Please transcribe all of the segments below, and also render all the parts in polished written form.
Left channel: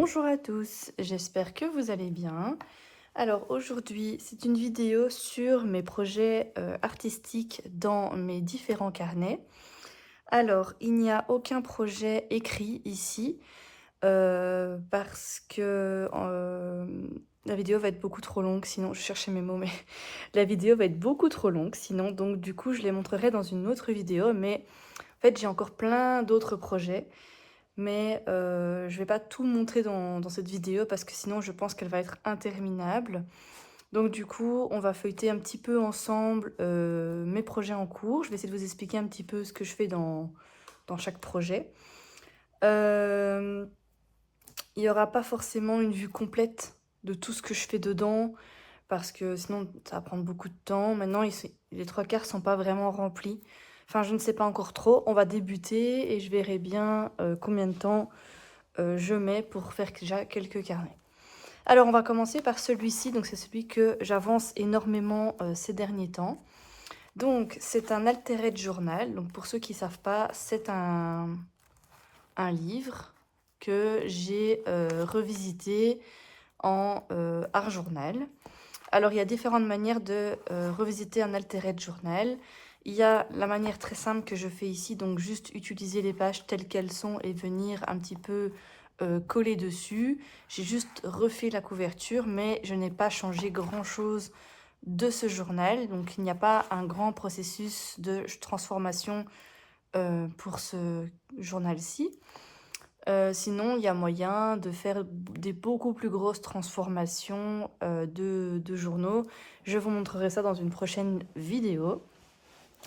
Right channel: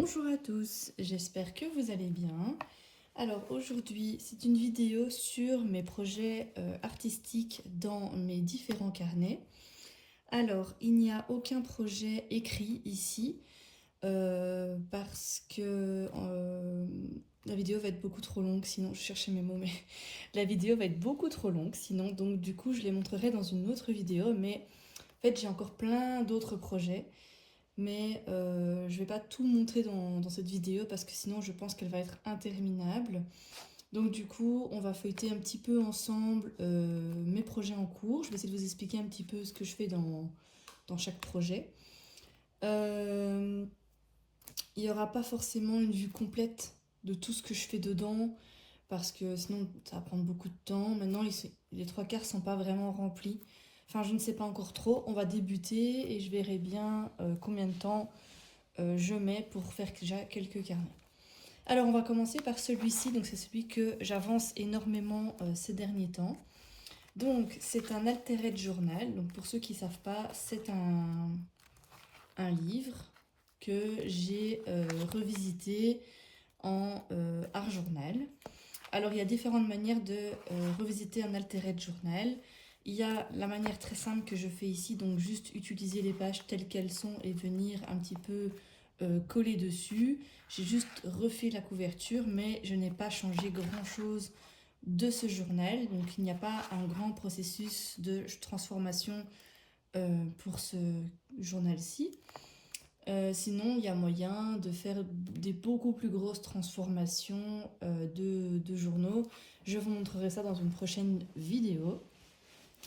Bonjour à tous, j'espère que vous allez bien. Alors aujourd'hui, c'est une vidéo sur mes projets artistiques dans mes différents carnets. Alors, il n'y a aucun projet écrit ici parce que la vidéo va être beaucoup trop longue, sinon je cherchais mes mots, mais la vidéo va être beaucoup trop longue, sinon donc du coup je les montrerai dans une autre vidéo, mais en fait j'ai encore plein d'autres projets. Mais je ne vais pas tout montrer dans cette vidéo parce que sinon je pense qu'elle va être interminable. Donc du coup, on va feuilleter un petit peu ensemble mes projets en cours. Je vais essayer de vous expliquer un petit peu ce que je fais dans chaque projet. Il n'y aura pas forcément une vue complète de tout ce que je fais dedans parce que sinon ça va prendre beaucoup de temps. Maintenant, les trois quarts ne sont pas vraiment remplis. Enfin, je ne sais pas encore trop. On va débuter et je verrai bien combien de temps je mets pour faire déjà quelques carnets. Alors on va commencer par celui-ci, donc c'est celui que j'avance énormément ces derniers temps. Donc c'est un Altered Journal, donc pour ceux qui ne savent pas, c'est un livre que j'ai revisité en art journal. Alors il y a différentes manières de revisiter un Altered Journal. Il y a la manière très simple que je fais ici, donc juste utiliser les pages telles qu'elles sont et venir un petit peu coller dessus. J'ai juste refait la couverture, mais je n'ai pas changé grand-chose de ce journal. Donc il n'y a pas un grand processus de transformation pour ce journal-ci. Sinon, il y a moyen de faire des beaucoup plus grosses transformations de journaux. Je vous montrerai ça dans une prochaine vidéo.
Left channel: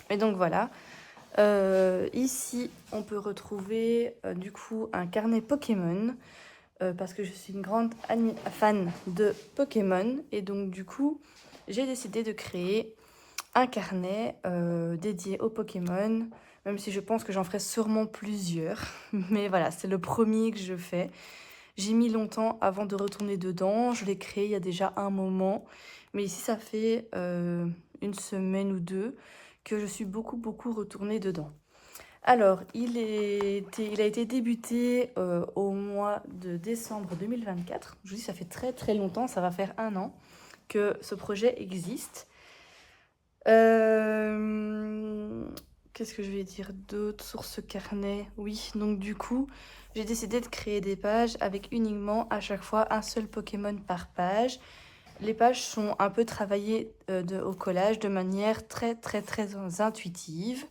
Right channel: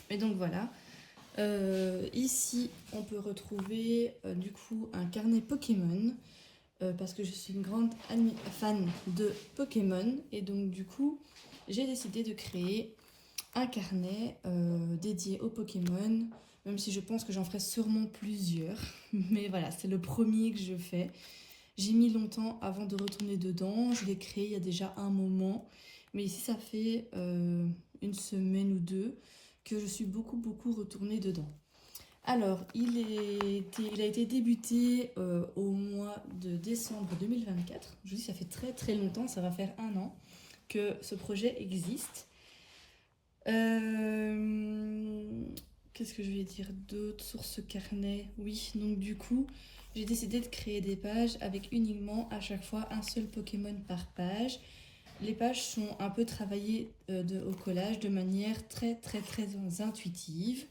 Et donc voilà. Ici, on peut retrouver du coup un carnet Pokémon. Parce que je suis une grande fan de Pokémon. Et donc du coup, j'ai décidé de créer un carnet dédié aux Pokémon, même si je pense que j'en ferai sûrement plusieurs. Mais voilà, c'est le premier que je fais. J'ai mis longtemps avant de retourner dedans. Je l'ai créé il y a déjà un moment. Mais ici, ça fait une semaine ou deux que je suis beaucoup retournée dedans. Alors, il a été débuté au mois de décembre 2024. Je vous dis, ça fait très longtemps, ça va faire un an que ce projet existe. Qu'est-ce que je vais dire d'autre sur ce carnet? Oui, donc du coup, j'ai décidé de créer des pages avec uniquement à chaque fois un seul Pokémon par page. Les pages sont un peu travaillées au collage de manière très intuitive.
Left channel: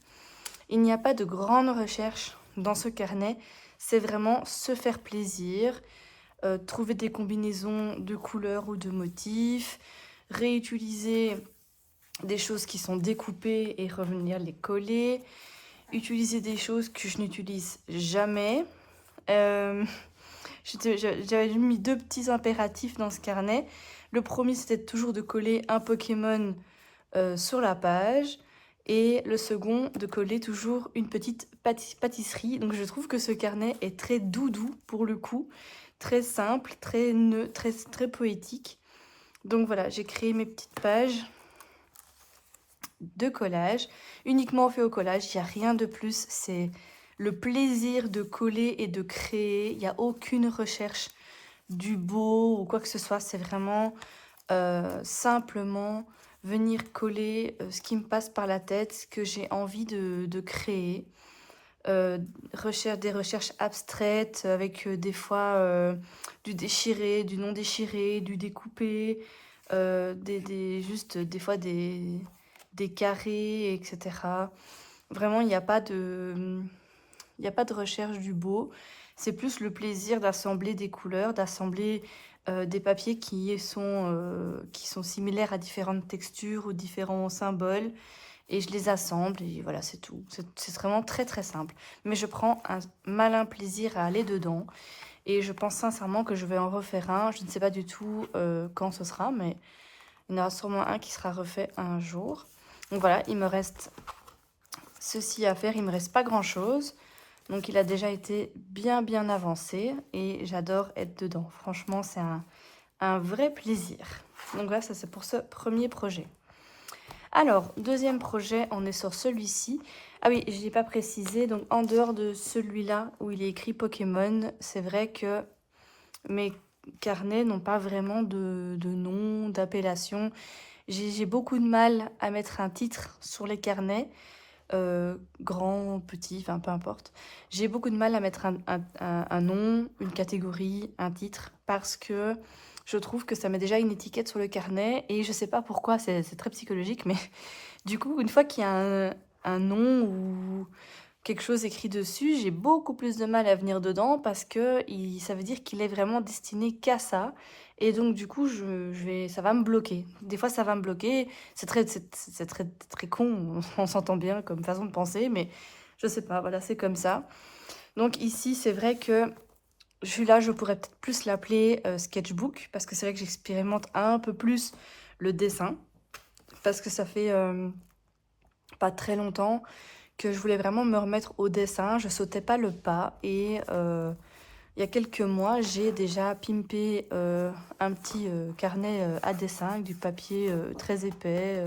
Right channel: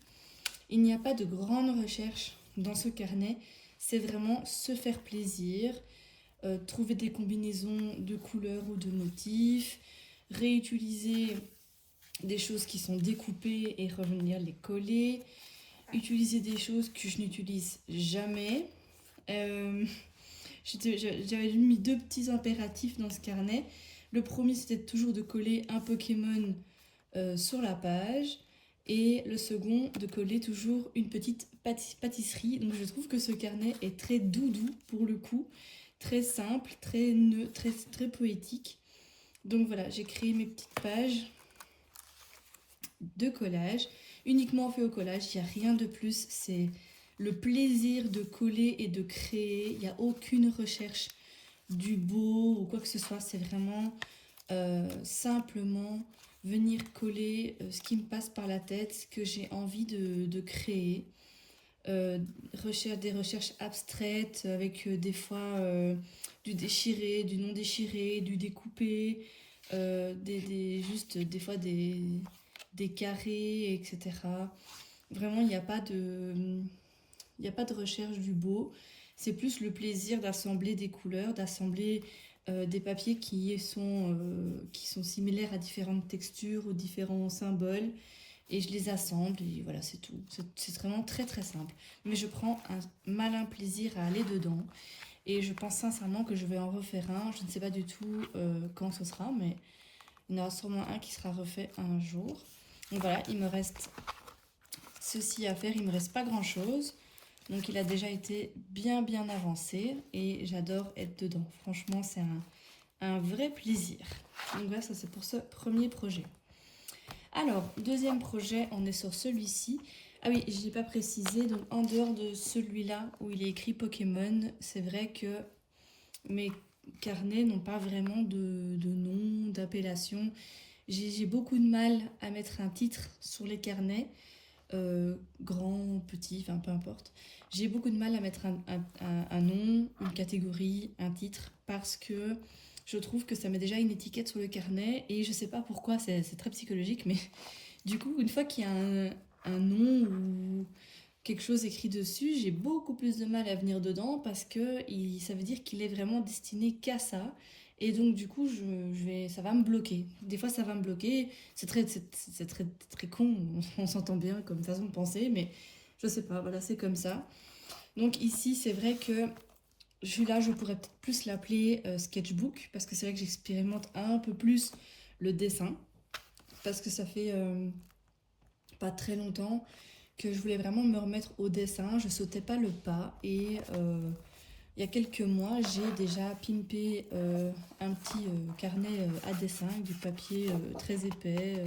Il n'y a pas de grande recherche dans ce carnet. C'est vraiment se faire plaisir, trouver des combinaisons de couleurs ou de motifs, réutiliser des choses qui sont découpées et revenir les coller, utiliser des choses que je n'utilise jamais. J'avais mis deux petits impératifs dans ce carnet. Le premier, c'était toujours de coller un Pokémon sur la page. Et le second, de coller toujours une petite pâtisserie. Donc je trouve que ce carnet est très doudou pour le coup. Très simple, très neutre, très poétique. Donc voilà, j'ai créé mes petites pages de collage, uniquement fait au collage, il n'y a rien de plus, c'est le plaisir de coller et de créer, il n'y a aucune recherche du beau ou quoi que ce soit, c'est vraiment simplement venir coller ce qui me passe par la tête, ce que j'ai envie de créer. Des recherches abstraites avec des fois du déchiré, du non déchiré, du découpé, juste des fois des carrés, etc. Vraiment, il n'y a pas de recherche du beau. C'est plus le plaisir d'assembler des couleurs, d'assembler des papiers qui sont similaires à différentes textures ou différents symboles. Et je les assemble et voilà, c'est tout. C'est vraiment très simple. Mais je prends un malin plaisir à aller dedans. Et je pense sincèrement que je vais en refaire un. Je ne sais pas du tout quand ce sera, mais il y en aura sûrement un qui sera refait un jour. Donc voilà, il me reste ceci à faire. Il ne me reste pas grand-chose. Donc il a déjà été bien avancé et j'adore être dedans. Franchement, c'est un vrai plaisir. Donc voilà, ça c'est pour ce premier projet. Alors, deuxième projet, on est sur celui-ci. Ah oui, je n'ai pas précisé, donc en dehors de celui-là où il est écrit Pokémon, c'est vrai que mes carnets n'ont pas vraiment de nom, d'appellation. J'ai beaucoup de mal à mettre un titre sur les carnets, grand, petit, enfin peu importe. J'ai beaucoup de mal à mettre un nom, une catégorie, un titre, parce que je trouve que ça met déjà une étiquette sur le carnet, et je sais pas pourquoi, c'est très psychologique, mais du coup, une fois qu'il y a un nom ou quelque chose écrit dessus, j'ai beaucoup plus de mal à venir dedans parce que ça veut dire qu'il est vraiment destiné qu'à ça. Et donc, du coup, ça va me bloquer. Des fois, ça va me bloquer. C'est très con, on s'entend bien comme façon de penser, mais je sais pas, voilà, c'est comme ça. Donc ici, c'est vrai que celui-là, je pourrais peut-être plus l'appeler sketchbook parce que c'est vrai que j'expérimente un peu plus le dessin parce que ça fait pas très longtemps que je voulais vraiment me remettre au dessin. Je sautais pas le pas et il y a quelques mois, j'ai déjà pimpé un petit carnet à dessin avec du papier très épais,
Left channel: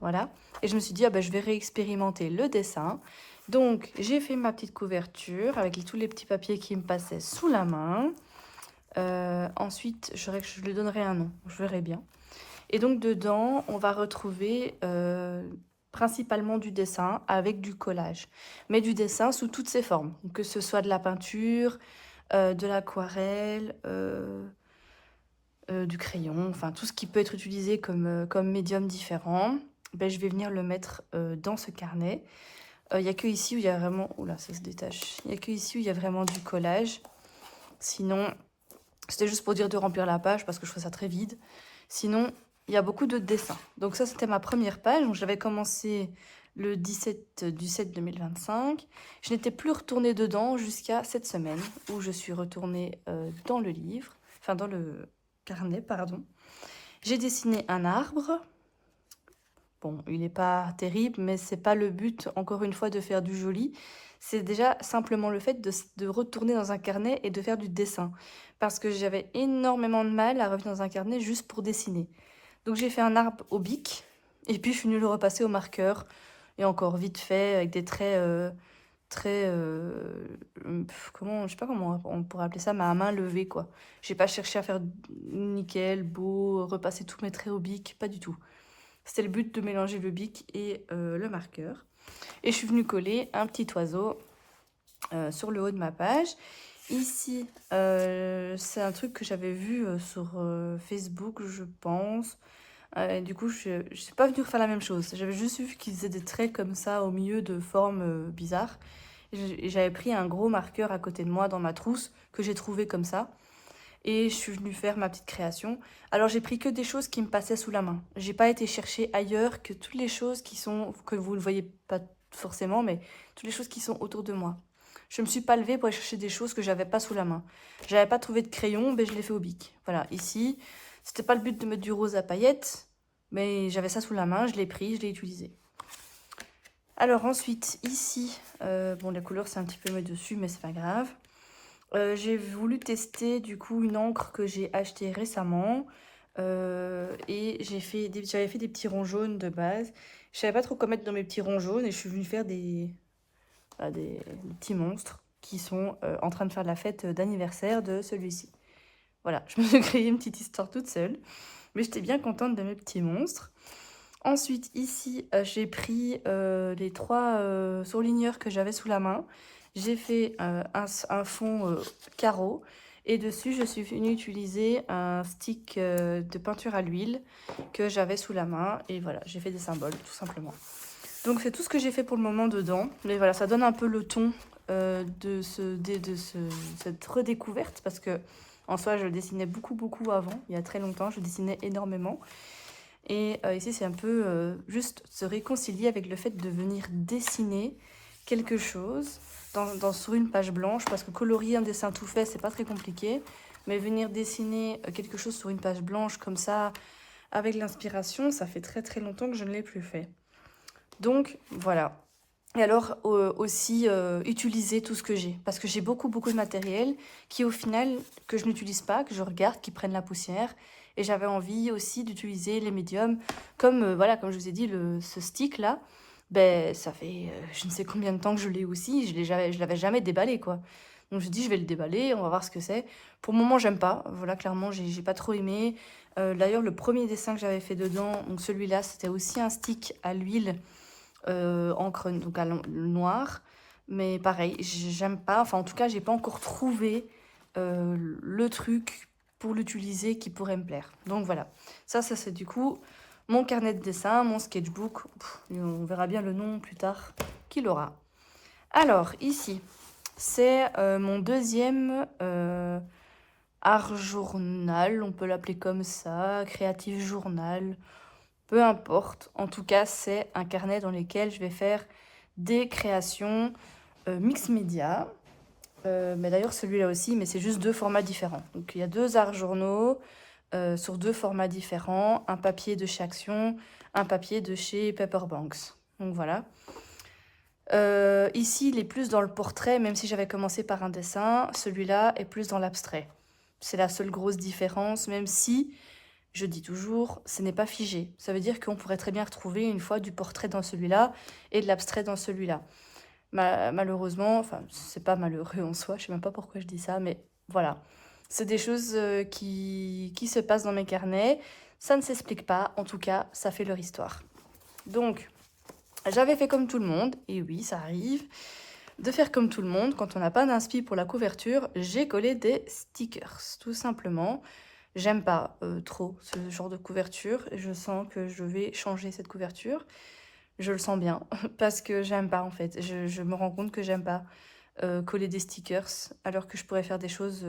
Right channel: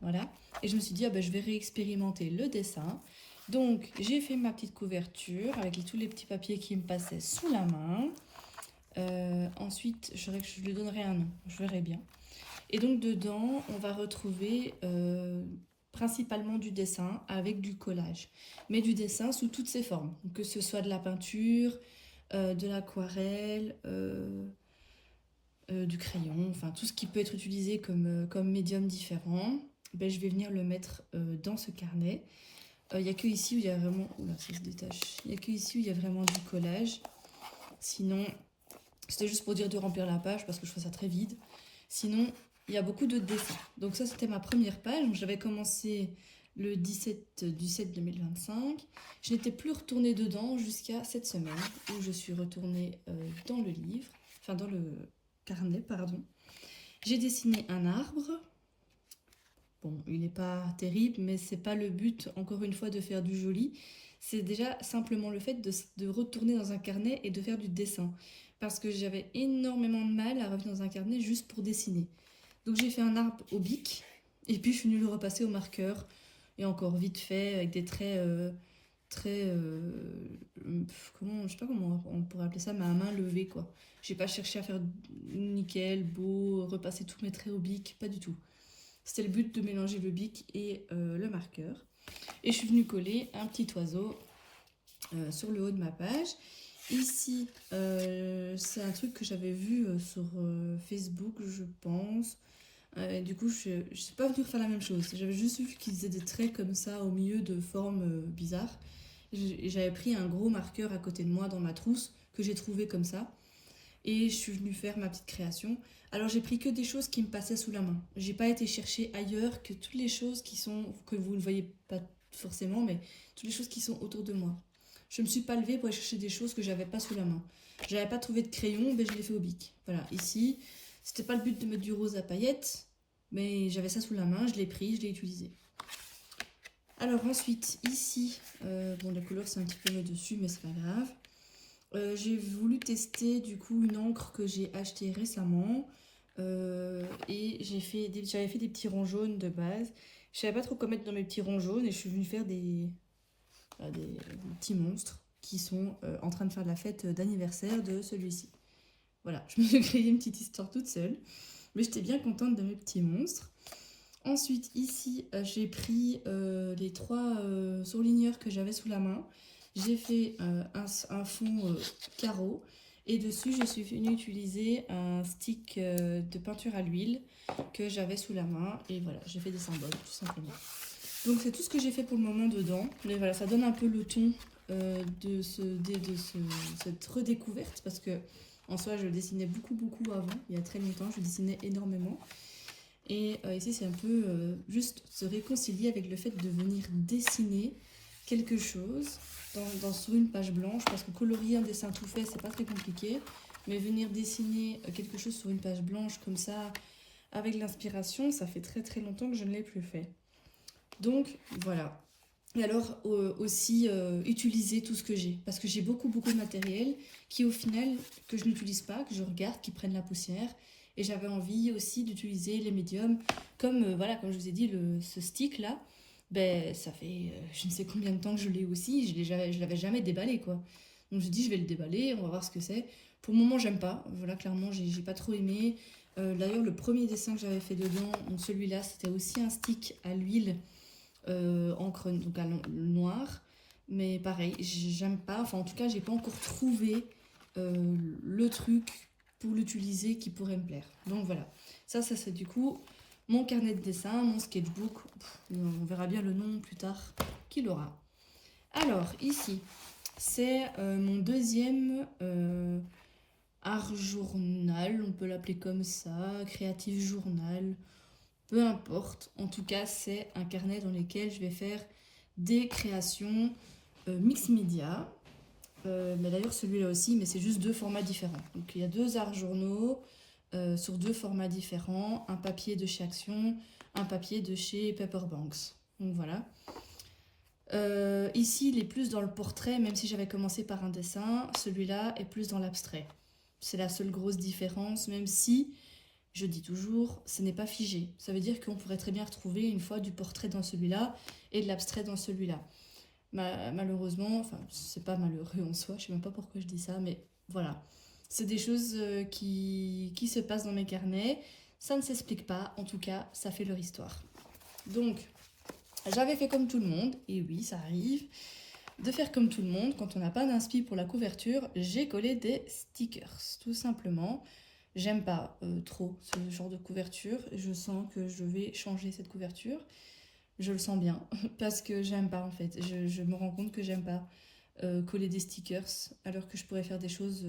voilà. Et je me suis dit, ah ben, je vais réexpérimenter le dessin. Donc, j'ai fait ma petite couverture avec tous les petits papiers qui me passaient sous la main. Ensuite, je lui donnerai un nom, je verrai bien. Et donc, dedans, on va retrouver principalement du dessin avec du collage. Mais du dessin sous toutes ses formes, que ce soit de la peinture, de l'aquarelle, du crayon, enfin tout ce qui peut être utilisé comme médium différent. Ben, je vais venir le mettre dans ce carnet. Il n'y a que ici où il y a vraiment... Oula, ça se détache. Il n'y a que ici où il y a vraiment du collage. Sinon, c'était juste pour dire de remplir la page parce que je fais ça très vide. Sinon, il y a beaucoup de dessins. Donc ça, c'était ma première page. Donc j'avais commencé le 17 du 7 2025. Je n'étais plus retournée dedans jusqu'à cette semaine où je suis retournée dans le livre, enfin dans le carnet, pardon. J'ai dessiné un arbre. Bon, il n'est pas terrible, mais c'est pas le but, encore une fois, de faire du joli. C'est déjà simplement le fait de retourner dans un carnet et de faire du dessin. Parce que j'avais énormément de mal à revenir dans un carnet juste pour dessiner. Donc j'ai fait un arbre au bic, et puis je suis venue le repasser au marqueur. Et encore vite fait, avec des traits très... je sais pas comment on pourrait appeler ça, mais à main levée, quoi. J'ai pas cherché à faire nickel, beau, repasser tous mes traits au bic, pas du tout. C'était le but de mélanger le bic et le marqueur. Et je suis venue coller un petit oiseau sur le haut de ma page. Ici, c'est un truc que j'avais vu sur Facebook, je pense. Et du coup, je ne suis pas venue faire la même chose. J'avais juste vu qu'ils faisaient des traits comme ça au milieu de formes bizarres. Et j'avais pris un gros marqueur à côté de moi dans ma trousse que j'ai trouvé comme ça. Et je suis venue faire ma petite création. Alors j'ai pris que des choses qui me passaient sous la main. J'ai pas été chercher ailleurs que toutes les choses que vous ne voyez pas forcément, mais toutes les choses qui sont autour de moi. Je me suis pas levée pour aller chercher des choses que j'avais pas sous la main. J'avais pas trouvé de crayon, mais je l'ai fait au bic. Voilà, ici, c'était pas le but de mettre du rose à paillettes, mais j'avais ça sous la main, je l'ai pris, je l'ai utilisé. Alors ensuite, ici, bon les couleurs c'est un petit peu mis dessus, mais c'est pas grave. J'ai voulu tester du coup une encre que j'ai achetée récemment et j'avais fait des petits ronds jaunes de base. Je savais pas trop quoi mettre dans mes petits ronds jaunes et je suis venue faire des petits monstres qui sont en train de faire la fête d'anniversaire de celui-ci. Voilà, je me suis créé une petite histoire toute seule, mais j'étais bien contente de mes petits monstres. Ensuite, ici, j'ai pris les 3 surligneurs que j'avais sous la main. J'ai fait un fond carreau et dessus, je suis venue utiliser un stick de peinture à l'huile que j'avais sous la main. Et voilà, j'ai fait des symboles, tout simplement. Donc, c'est tout ce que j'ai fait pour le moment dedans. Mais voilà, ça donne un peu le ton cette redécouverte parce que en soi, je dessinais beaucoup avant. Il y a très longtemps, je dessinais énormément. Et ici, c'est un peu juste se réconcilier avec le fait de venir dessiner quelque chose sur une page blanche, parce que colorier un dessin tout fait, c'est pas très compliqué, mais venir dessiner quelque chose sur une page blanche comme ça, avec l'inspiration, ça fait très longtemps que je ne l'ai plus fait. Donc, voilà. Et alors, aussi, utiliser tout ce que j'ai, parce que j'ai beaucoup de matériel qui, au final, que je n'utilise pas, que je regarde, qui prennent la poussière. Et j'avais envie aussi d'utiliser les médiums, comme, voilà, comme je vous ai dit, ce stick-là, ben, ça fait je ne sais combien de temps que je l'ai aussi, je l'avais jamais déballé, quoi. Donc je dis, je vais le déballer, on va voir ce que c'est. Pour le moment, j'aime pas. Voilà, clairement, j'ai pas trop aimé. D'ailleurs, le premier dessin que j'avais fait dedans, donc celui-là, c'était aussi un stick à l'huile, encre donc à noir. Mais pareil, j'aime pas. Enfin, en tout cas, j'ai pas encore trouvé le truc pour l'utiliser qui pourrait me plaire. Donc voilà, ça c'est du coup mon carnet de dessin, mon sketchbook. On verra bien le nom plus tard qu'il aura. Alors, ici, c'est mon deuxième art journal, on peut l'appeler comme ça, créatif journal, peu importe. En tout cas, c'est un carnet dans lequel je vais faire des créations mix média. Mais d'ailleurs, celui-là aussi, mais c'est juste deux formats différents. Donc, il y a deux arts journaux sur deux formats différents, un papier de chez Action, un papier de chez Paperbanks. Donc voilà. Ici, il est plus dans le portrait, même si j'avais commencé par un dessin. Celui-là est plus dans l'abstrait. C'est la seule grosse différence, même si, je dis toujours, ce n'est pas figé. Ça veut dire qu'on pourrait très bien retrouver une fois du portrait dans celui-là et de l'abstrait dans celui-là. Malheureusement, enfin, c'est pas malheureux en soi, je sais même pas pourquoi je dis ça, mais voilà. C'est des choses qui se passent dans mes carnets. Ça ne s'explique pas, en tout cas, ça fait leur histoire. Donc, j'avais fait comme tout le monde, et oui, ça arrive, de faire comme tout le monde. Quand on n'a pas d'inspi pour la couverture, j'ai collé des stickers, tout simplement. J'aime pas trop ce genre de couverture. Je sens que je vais changer cette couverture. Je le sens bien, parce que j'aime pas en fait. Je me rends compte que j'aime pas coller des stickers, alors que je pourrais faire des choses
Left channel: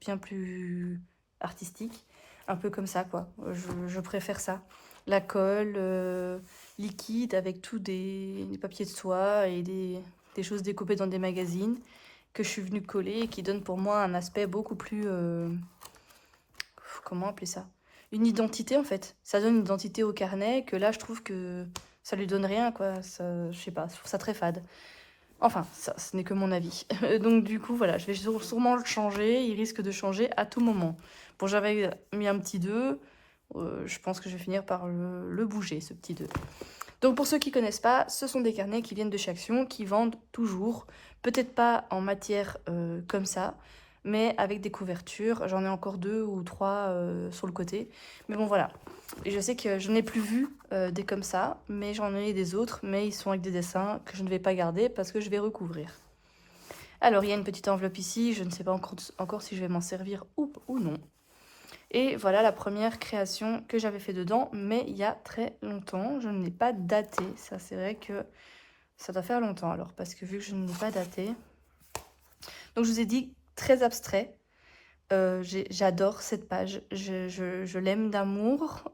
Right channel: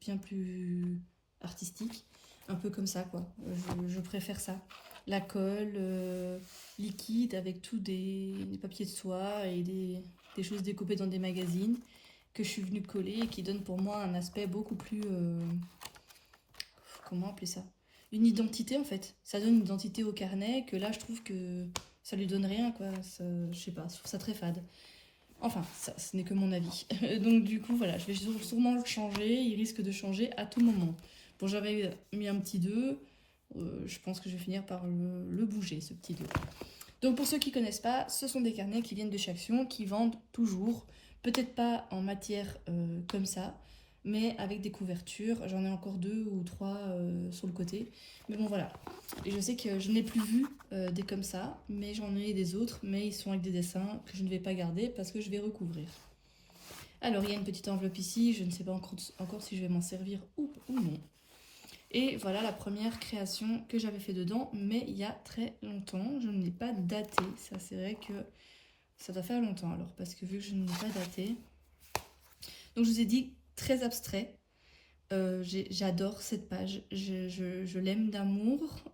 bien plus artistiques. Un peu comme ça, quoi. Je préfère ça. La colle liquide avec tous des papiers de soie et des choses découpées dans des magazines que je suis venue coller et qui donnent pour moi un aspect beaucoup plus... comment appeler ça? Une identité, en fait. Ça donne une identité au carnet que là, je trouve que ça lui donne rien, quoi. Ça, je sais pas, je trouve ça très fade. Enfin, ça, ce n'est que mon avis. Donc du coup, voilà, je vais sûrement le changer. Il risque de changer à tout moment. Bon, j'avais mis un petit 2. Je pense que je vais finir par le bouger, ce petit 2. Donc pour ceux qui ne connaissent pas, ce sont des carnets qui viennent de chez Action, qui vendent toujours. Peut-être pas en matière comme ça, mais avec des couvertures. J'en ai encore 2 ou 3 sur le côté. Mais bon, voilà. Et je sais que je n'ai plus vu des comme ça, mais j'en ai des autres, mais ils sont avec des dessins que je ne vais pas garder parce que je vais recouvrir. Alors, il y a une petite enveloppe ici, je ne sais pas encore si je vais m'en servir ou non. Et voilà la première création que j'avais fait dedans, mais il y a très longtemps. Je ne l'ai pas daté, ça c'est vrai que ça doit faire longtemps alors, parce que vu que je ne l'ai pas daté. Donc je vous ai dit, très abstrait. J'adore cette page, je l'aime d'amour.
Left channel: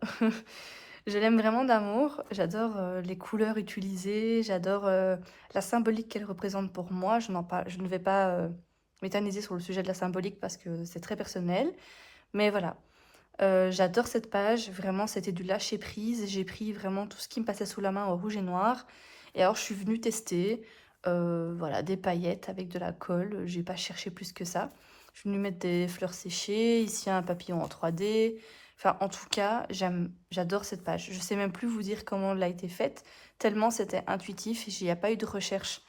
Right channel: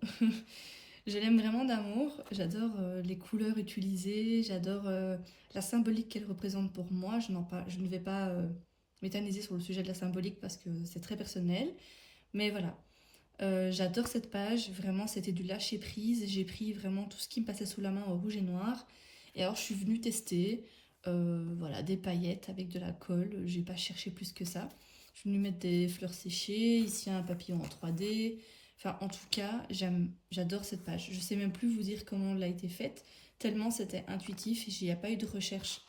Je l'aime vraiment d'amour, j'adore les couleurs utilisées, j'adore la symbolique qu'elle représente pour moi. Je ne vais pas m'éterniser sur le sujet de la symbolique parce que c'est très personnel. Mais voilà, j'adore cette page, vraiment c'était du lâcher prise. J'ai pris vraiment tout ce qui me passait sous la main en rouge et noir. Et alors je suis venue tester voilà, des paillettes avec de la colle, j'ai pas cherché plus que ça. Je suis venue mettre des fleurs séchées, ici un papillon en 3D. Enfin, en tout cas, j'adore cette page. Je sais même plus vous dire comment elle a été faite, tellement c'était intuitif. Il n'y a pas eu de recherche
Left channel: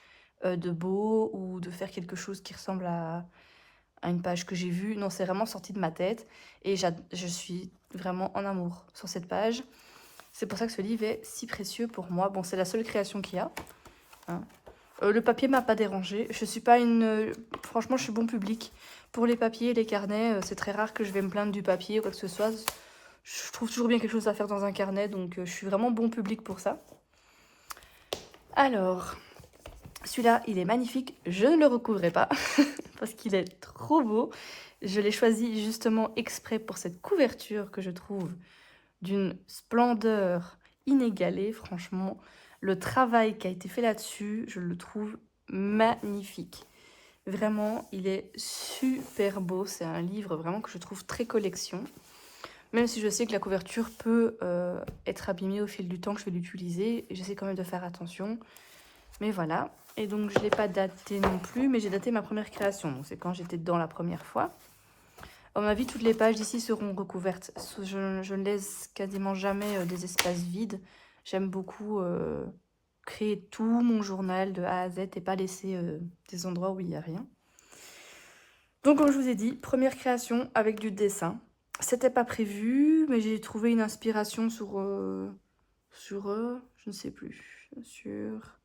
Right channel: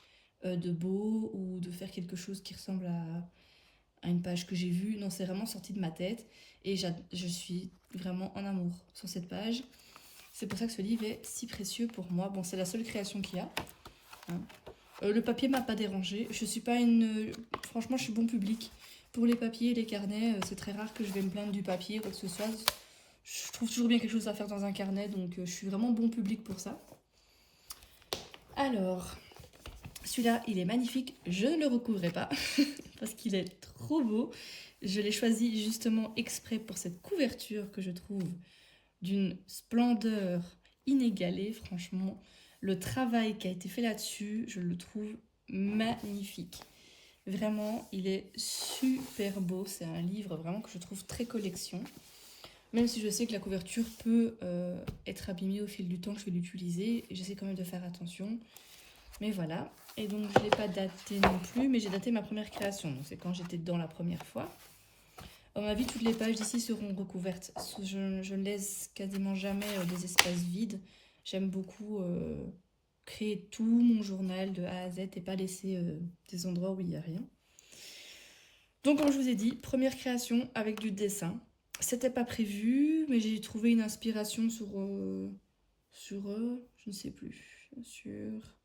de beau ou de faire quelque chose qui ressemble à une page que j'ai vue. Non, c'est vraiment sorti de ma tête. Et je suis vraiment en amour sur cette page. C'est pour ça que ce livre est si précieux pour moi. Bon, c'est la seule création qu'il y a. Hein. Le papier m'a pas dérangé. Je suis pas une... franchement, je suis bon public. Pour les papiers et les carnets, c'est très rare que je vais me plaindre du papier ou quoi que ce soit. Je trouve toujours bien quelque chose à faire dans un carnet, donc je suis vraiment bon public pour ça. Alors, celui-là, il est magnifique. Je ne le recouvrerai pas parce qu'il est trop beau. Je l'ai choisi justement exprès pour cette couverture que je trouve d'une splendeur inégalée. Franchement, le travail qui a été fait là-dessus, je le trouve magnifique. Vraiment, il est super beau. C'est un livre vraiment que je trouve très collection. Même si je sais que la couverture peut être abîmée au fil du temps que je vais l'utiliser. J'essaie quand même de faire attention. Mais voilà. Et donc, je ne l'ai pas daté non plus, mais j'ai daté ma première création. C'est quand j'étais dedans la première fois. À mon avis, toutes les pages d'ici seront recouvertes. Je ne laisse quasiment jamais des espaces vides. J'aime beaucoup créer tout mon journal de A à Z et pas laisser des endroits où il n'y a rien. Donc comme je vous ai dit, première création avec du dessin. C'était pas prévu, mais j'ai trouvé une inspiration je ne sais plus, sur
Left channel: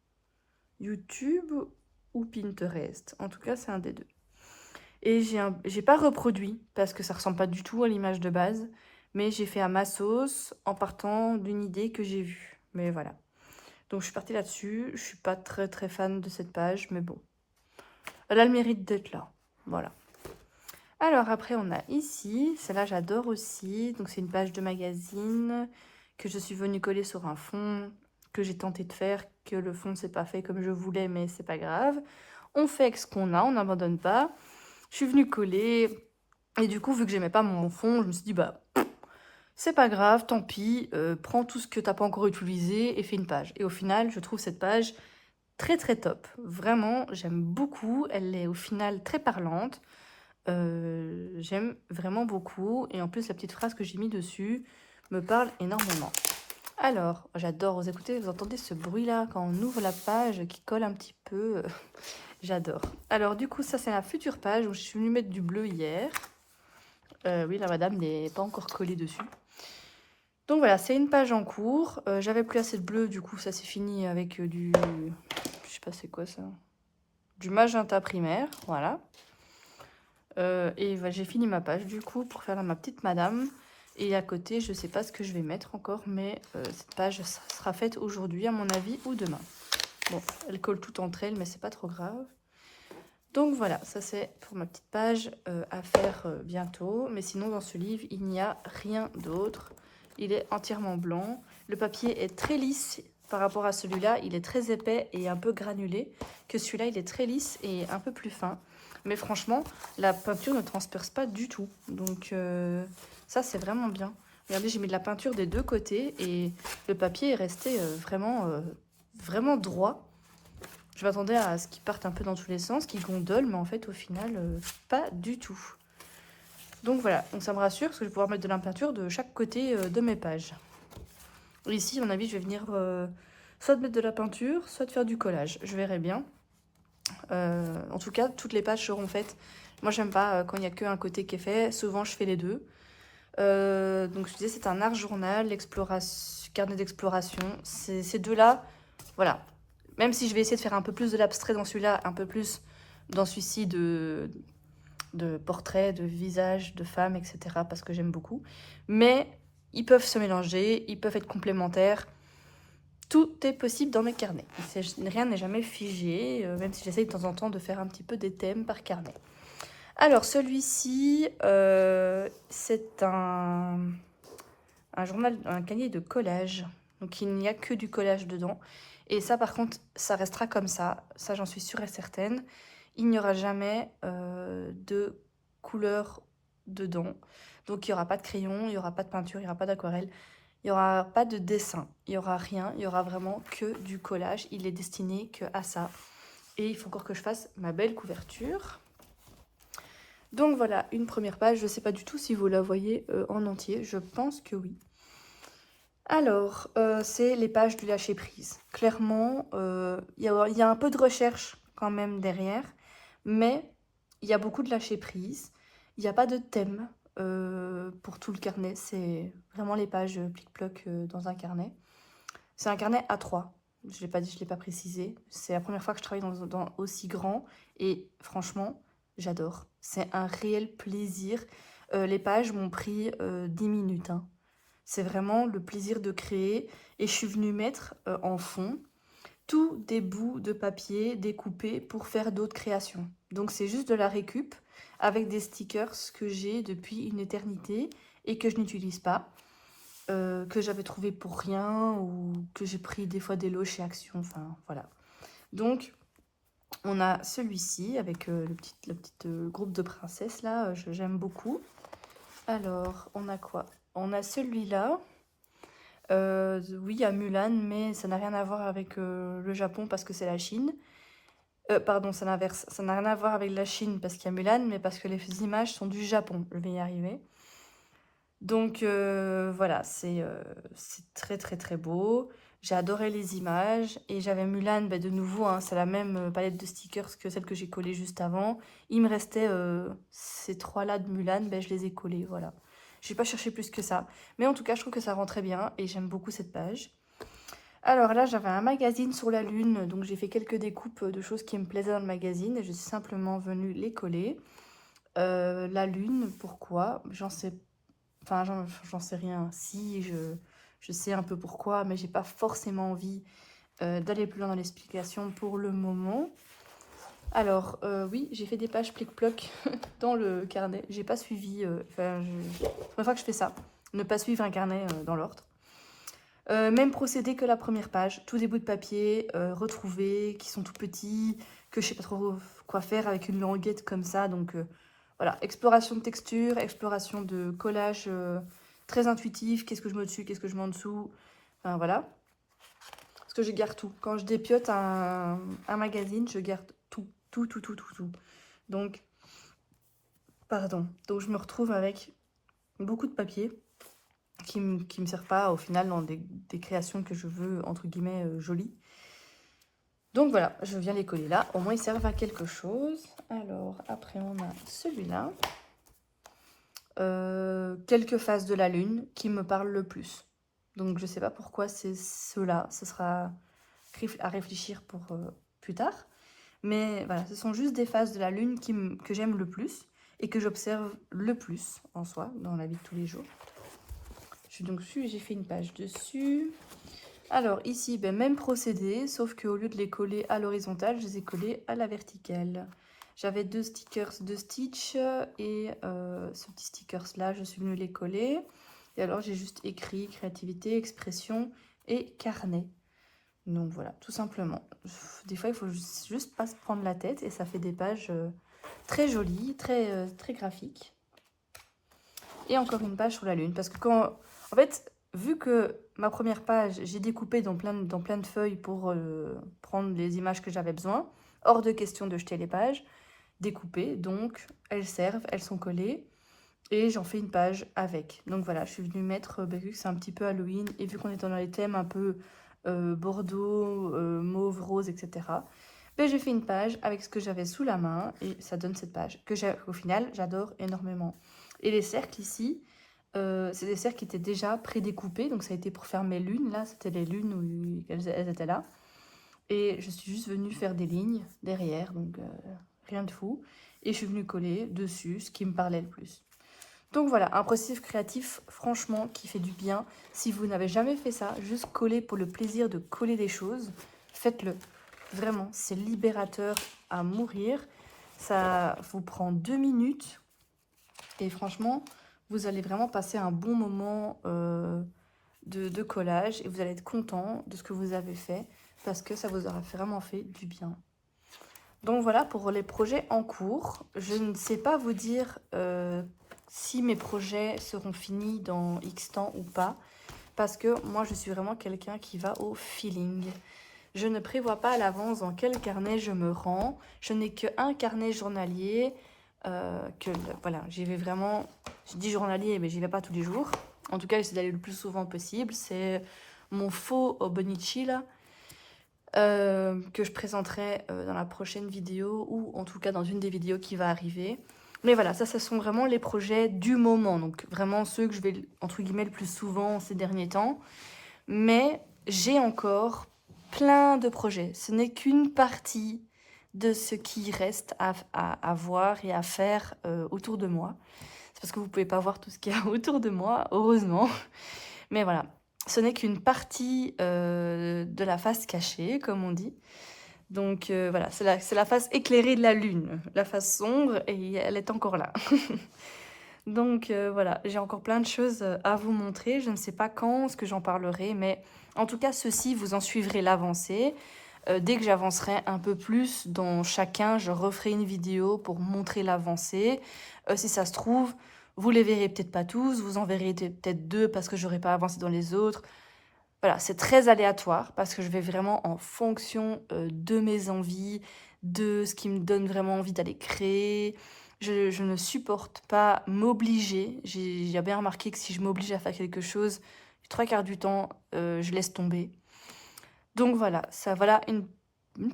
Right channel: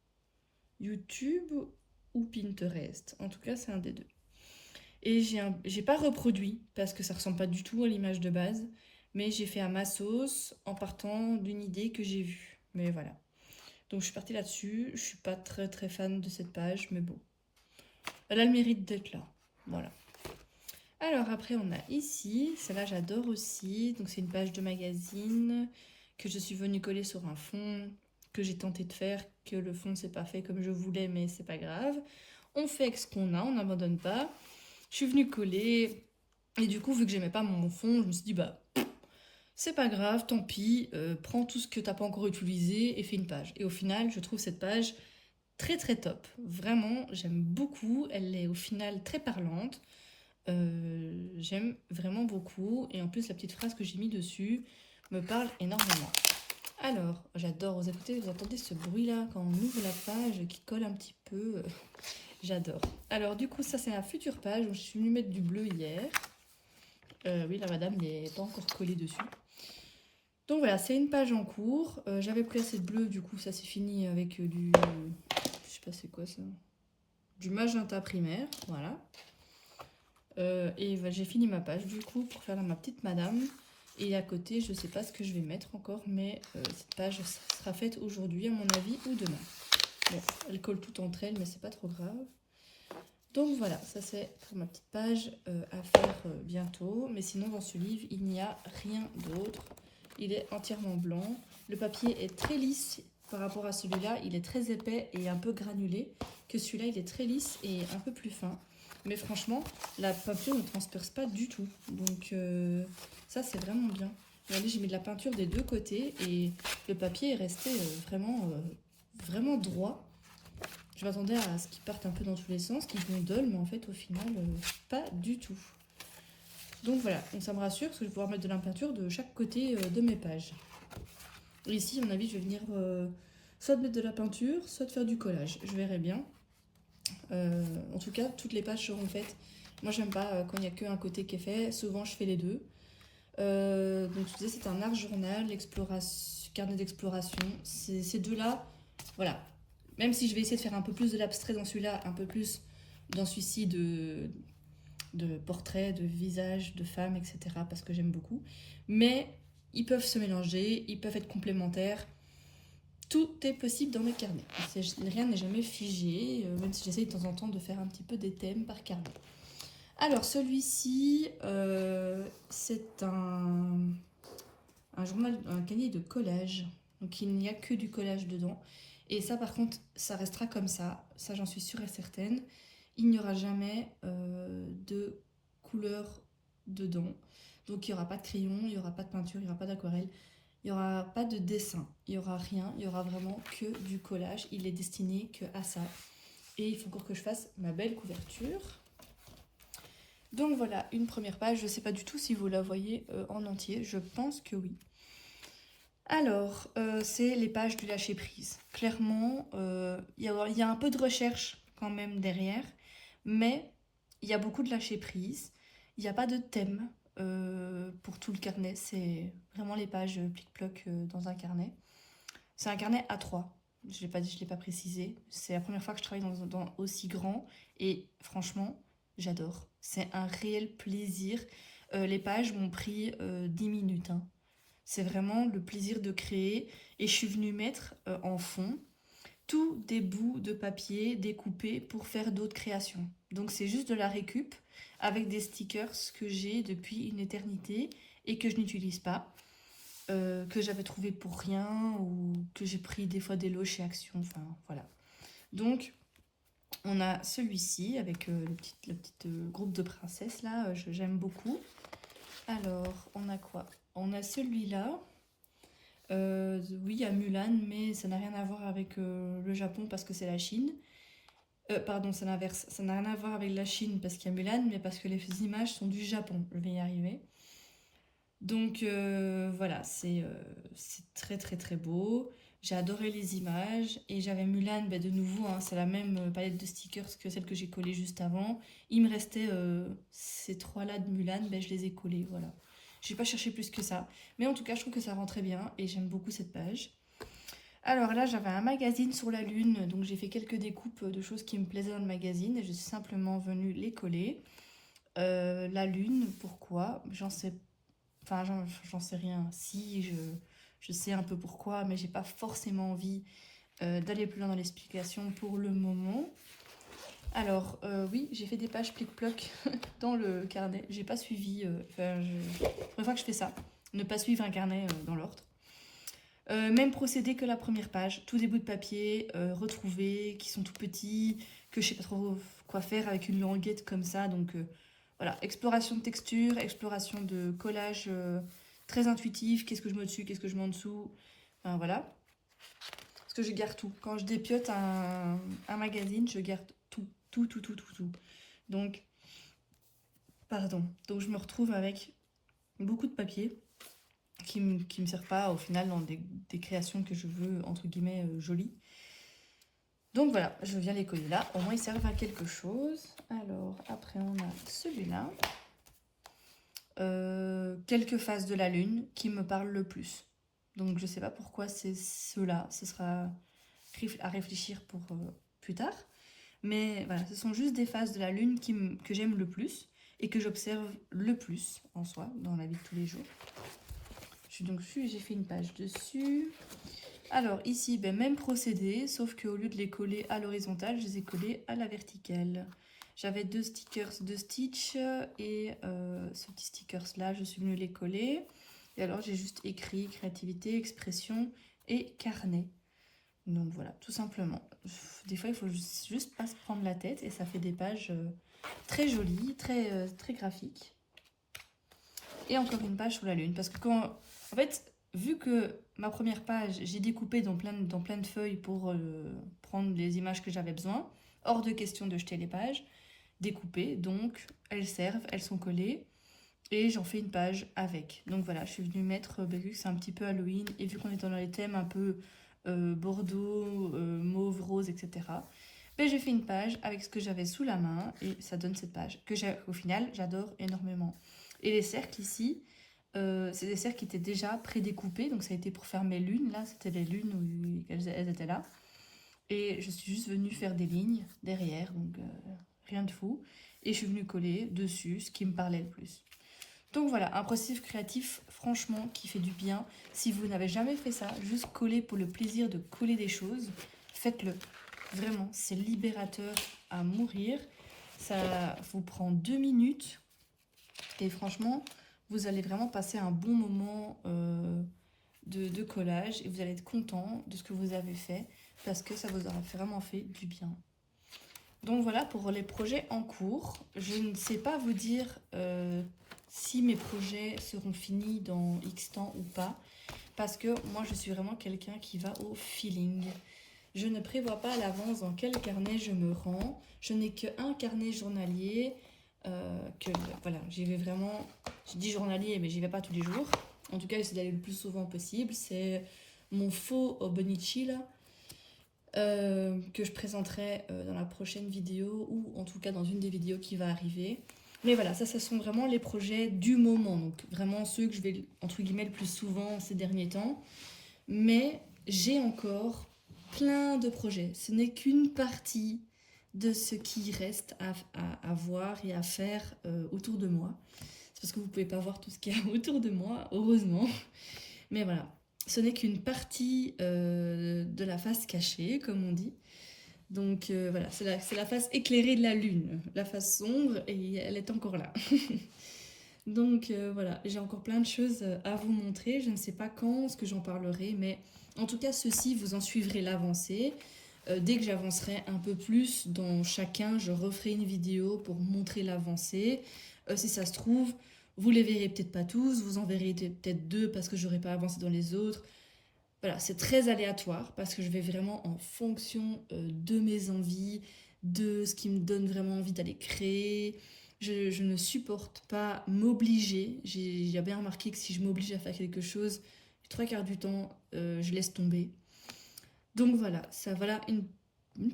YouTube ou Pinterest. En tout cas, c'est un des deux. Et j'ai pas reproduit parce que ça ressemble pas du tout à l'image de base, mais j'ai fait à ma sauce en partant d'une idée que j'ai vue. Mais voilà. Donc je suis partie là-dessus. Je suis pas très très fan de cette page, mais bon. Elle a le mérite d'être là. Voilà. Alors après on a ici, celle-là j'adore aussi. Donc c'est une page de magazine que je suis venue coller sur un fond que j'ai tenté de faire, que le fond s'est pas fait comme je voulais, mais c'est pas grave. On fait avec ce qu'on a, on n'abandonne pas. Je suis venue coller et du coup vu que j'aimais pas mon fond, je me suis dit bah c'est pas grave, tant pis, prends tout ce que t'as pas encore utilisé et fais une page. Et au final je trouve cette page très très top. Vraiment j'aime beaucoup, elle est au final très parlante. J'aime vraiment beaucoup et en plus la petite phrase que j'ai mis dessus me parle énormément. Alors, j'adore, vous écoutez, vous entendez ce bruit là quand on ouvre la page qui colle un petit peu, j'adore. Alors du coup ça c'est la future page où je suis venue mettre du bleu hier. Oui la madame n'est pas encore collée dessus. Donc voilà, c'est une page en cours, j'avais plus assez de bleu, du coup ça c'est fini avec du, je sais pas c'est quoi ça, du magenta primaire, voilà. Et j'ai fini ma page du coup pour faire ma petite madame. Et à côté, je sais pas ce que je vais mettre encore, mais cette page sera faite aujourd'hui à mon avis ou demain. Bon, elle colle tout entre elles, mais c'est pas trop grave. Donc voilà, ça c'est pour ma petite page à faire bientôt. Mais sinon dans ce livre, il n'y a rien d'autre. Il est entièrement blanc. Le papier est très lisse par rapport à celui-là. Il est très épais et un peu granulé. Que celui-là, il est très lisse et un peu plus fin. Mais franchement, la peinture ne transperce pas du tout. Donc ça, c'est vraiment bien. Regardez, j'ai mis de la peinture des deux côtés et le papier est resté vraiment droit. Je m'attendais à ce qu'il parte un peu dans tous les sens, qu'il gondole, mais en fait, au final, pas du tout. Donc voilà, donc ça me rassure parce que je vais pouvoir mettre de la peinture de chaque côté de mes pages. Et ici, à mon avis, je vais venir soit de mettre de la peinture, soit de faire du collage. Je verrai bien. En tout cas, toutes les pages seront faites. Moi, j'aime pas quand il n'y a qu'un côté qui est fait. Souvent, je fais les deux. Donc, je disais, c'est un art journal, carnet d'exploration. Ces deux-là, voilà. Même si je vais essayer de faire un peu plus de l'abstrait dans celui-là, un peu plus dans celui-ci de portraits, de visages, de femmes, etc. parce que j'aime beaucoup. Mais ils peuvent se mélanger, ils peuvent être complémentaires. Tout est possible dans mes carnets. Rien n'est jamais figé, même si j'essaye de temps en temps de faire un petit peu des thèmes par carnet. Alors, celui-ci, c'est un journal, un cahier de collage. Donc, il n'y a que du collage dedans. Et ça, par contre, ça restera comme ça. Ça, j'en suis sûre et certaine. Il n'y aura jamais de couleur dedans. Donc, il n'y aura pas de crayon, il n'y aura pas de peinture, il n'y aura pas d'aquarelle. Il n'y aura pas de dessin, il n'y aura rien, il y aura vraiment que du collage. Il est destiné que à ça. Et il faut encore que je fasse ma belle couverture. Donc voilà, une première page. Je ne sais pas du tout si vous la voyez en entier. Je pense que oui. Alors, c'est les pages du lâcher-prise. Clairement, il y a un peu de recherche quand même derrière. Mais il y a beaucoup de lâcher-prise. Il n'y a pas de thème. Pour tout le carnet, c'est vraiment les pages plic-ploc dans un carnet. C'est un carnet A3, je l'ai pas précisé. C'est la première fois que je travaille dans aussi grand et franchement, j'adore. C'est un réel plaisir. Les pages m'ont pris 10 minutes. Hein. C'est vraiment le plaisir de créer et je suis venue mettre en fond tous des bouts de papier découpés pour faire d'autres créations. Donc c'est juste de la récup avec des stickers que j'ai depuis une éternité et que je n'utilise pas, que j'avais trouvé pour rien ou que j'ai pris des fois des lots chez Action, enfin voilà. Donc on a celui-ci avec le petit groupe de princesses là, j'aime beaucoup. Alors on a quoi? On a celui-là. Oui, il y a Mulan, mais ça n'a rien à voir avec le Japon parce que c'est la Chine. Pardon, c'est l'inverse. Ça n'a rien à voir avec la Chine parce qu'il y a Mulan, mais parce que les images sont du Japon. Je vais y arriver. Donc voilà, c'est très très très beau. J'ai adoré les images et j'avais Mulan, de nouveau, hein, c'est la même palette de stickers que celle que j'ai collée juste avant. Il me restait ces trois-là de Mulan, je les ai collés, voilà. Je n'ai pas cherché plus que ça. Mais en tout cas, je trouve que ça rend très bien et j'aime beaucoup cette page. Alors là, j'avais un magazine sur la lune, donc j'ai fait quelques découpes de choses qui me plaisaient dans le magazine. Je suis simplement venue les coller. La lune, pourquoi? J'en sais... Enfin, j'en sais rien. Si, je sais un peu pourquoi, mais j'ai pas forcément envie d'aller plus loin dans l'explication pour le moment. Alors, oui, j'ai fait des pages plic-ploc dans le carnet. J'ai pas suivi... c'est la première fois que je fais ça. Ne pas suivre un carnet dans l'ordre. Même procédé que la première page. Tous des bouts de papier retrouvés, qui sont tout petits, que je sais pas trop quoi faire avec une languette comme ça. Donc, voilà, exploration de texture, exploration de collage très intuitif. Qu'est-ce que je mets au-dessus, qu'est-ce que je mets en dessous. Enfin, voilà. Parce que je garde tout. Quand je dépiote un magazine, je garde tout. Tout. Donc, pardon. Donc, je me retrouve avec beaucoup de papier qui me servent pas au final dans des créations que je veux, entre guillemets, jolies. Donc voilà, je viens les coller là. Au moins, ils servent à quelque chose. Alors, après, on a celui-là. Quelques phases de la lune qui me parlent le plus. Donc, je sais pas pourquoi c'est ceux-là. Ce sera à réfléchir pour plus tard. Mais voilà, ce sont juste des phases de la lune que j'aime le plus et que j'observe le plus en soi, dans la vie de tous les jours. Je suis donc dessus et j'ai fait une page dessus. Alors ici, même procédé, sauf qu'au lieu de les coller à l'horizontale, je les ai collés à la verticale. J'avais deux stickers de Stitch et ce petit stickers là, je suis venue les coller. Et alors j'ai juste écrit créativité, expression et carnet. Donc voilà, tout simplement. Des fois, il faut juste pas se prendre la tête et ça fait des pages très jolies, très graphiques. Et encore une page sur la lune. Parce que quand... En fait, vu que ma première page, j'ai découpé dans plein de feuilles pour prendre les images que j'avais besoin, hors de question de jeter les pages, découpées, donc elles servent, elles sont collées. Et j'en fais une page avec. Donc voilà, je suis venue mettre, vu que c'est un petit peu Halloween, et vu qu'on est dans les thèmes un peu bordeaux, mauve, rose, etc. J'ai fait une page avec ce que j'avais sous la main, et ça donne cette page, que au final, j'adore énormément. Et les cercles ici, c'est des cercles qui étaient déjà prédécoupés, donc ça a été pour faire mes lunes, là, c'était les lunes où elles étaient là. Et je suis juste venue faire des lignes derrière, donc rien de fou. Et je suis venue coller dessus ce qui me parlait le plus. Donc voilà, un processus créatif, franchement, qui fait du bien. Si vous n'avez jamais fait ça, juste coller pour le plaisir de coller des choses, faites-le. Vraiment, c'est libérateur à mourir. Ça vous prend 2 minutes. Et franchement, vous allez vraiment passer un bon moment de collage. Et vous allez être content de ce que vous avez fait. Parce que ça vous aura vraiment fait du bien. Donc voilà pour les projets en cours. Je ne sais pas vous dire si mes projets seront finis dans X temps ou pas. Parce que moi, je suis vraiment quelqu'un qui va au feeling. Je ne prévois pas à l'avance dans quel carnet je me rends. Je n'ai qu'un carnet journalier. Voilà, j'y vais vraiment... Je dis journalier, mais j'y vais pas tous les jours. En tout cas, j'essaie d'aller le plus souvent possible. C'est mon faux Bonichi, là. Que je présenterai dans la prochaine vidéo ou en tout cas dans une des vidéos qui va arriver. Mais voilà, ça sont vraiment les projets du moment. Donc vraiment ceux que je vais, entre guillemets, le plus souvent ces derniers temps. Mais j'ai encore plein de projets. Ce n'est qu'une partie de ce qui reste à voir et à faire autour de moi. C'est parce que vous ne pouvez pas voir tout ce qu'il y a autour de moi, heureusement. Mais voilà, ce n'est qu'une partie de la face cachée, comme on dit. Donc voilà, c'est la face éclairée de la lune. La face sombre, et elle est encore là. Donc voilà, j'ai encore plein de choses à vous montrer. Je ne sais pas quand, ce que j'en parlerai, mais en tout cas, ceci, vous en suivrez l'avancée. Dès que j'avancerai un peu plus dans chacun, je referai une vidéo pour montrer l'avancée. Si ça se trouve, vous les verrez peut-être pas tous, vous en verrez peut-être 2 parce que j'aurai pas avancé dans les autres. Voilà, c'est très aléatoire parce que je vais vraiment en fonction de mes envies, de ce qui me donne vraiment envie d'aller créer. Je ne supporte pas m'obliger. J'ai bien remarqué que si je m'oblige à faire quelque chose, 3/4 du temps, je laisse tomber. Donc voilà, ça voilà une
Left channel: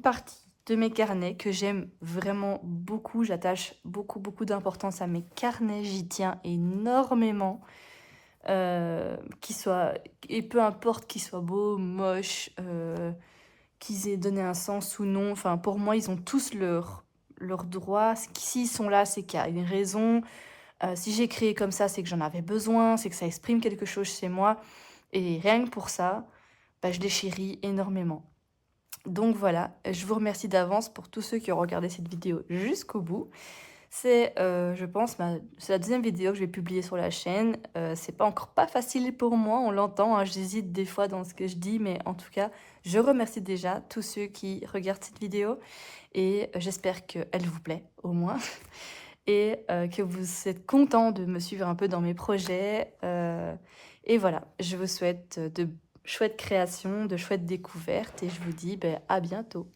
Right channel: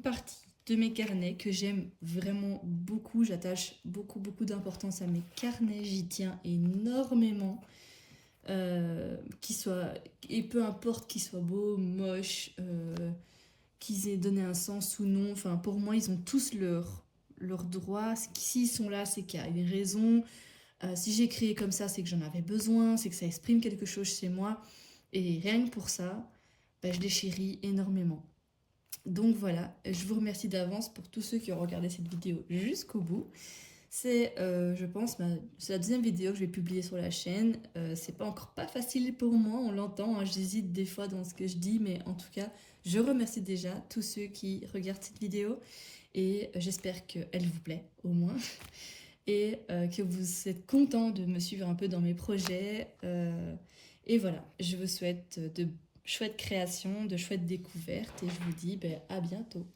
partie de mes carnets que j'aime vraiment beaucoup. J'attache beaucoup d'importance à mes carnets, j'y tiens énormément. Et peu importe qu'ils soient beaux, moches, qu'ils aient donné un sens ou non, enfin pour moi ils ont tous leur droit. S'ils sont là, c'est qu'il y a une raison. Si j'ai créé comme ça, c'est que j'en avais besoin, c'est que ça exprime quelque chose chez moi. Et rien que pour ça, bah, je les chéris énormément. Donc voilà, je vous remercie d'avance pour tous ceux qui ont regardé cette vidéo jusqu'au bout. C'est, je pense, c'est la deuxième vidéo que je vais publier sur la chaîne. C'est pas encore pas facile pour moi, on l'entend, hein, j'hésite des fois dans ce que je dis, mais en tout cas, je remercie déjà tous ceux qui regardent cette vidéo et j'espère qu'elle vous plaît au moins et que vous êtes contents de me suivre un peu dans mes projets. Et voilà, je vous souhaite de chouettes créations, de chouettes découvertes et je vous dis à bientôt.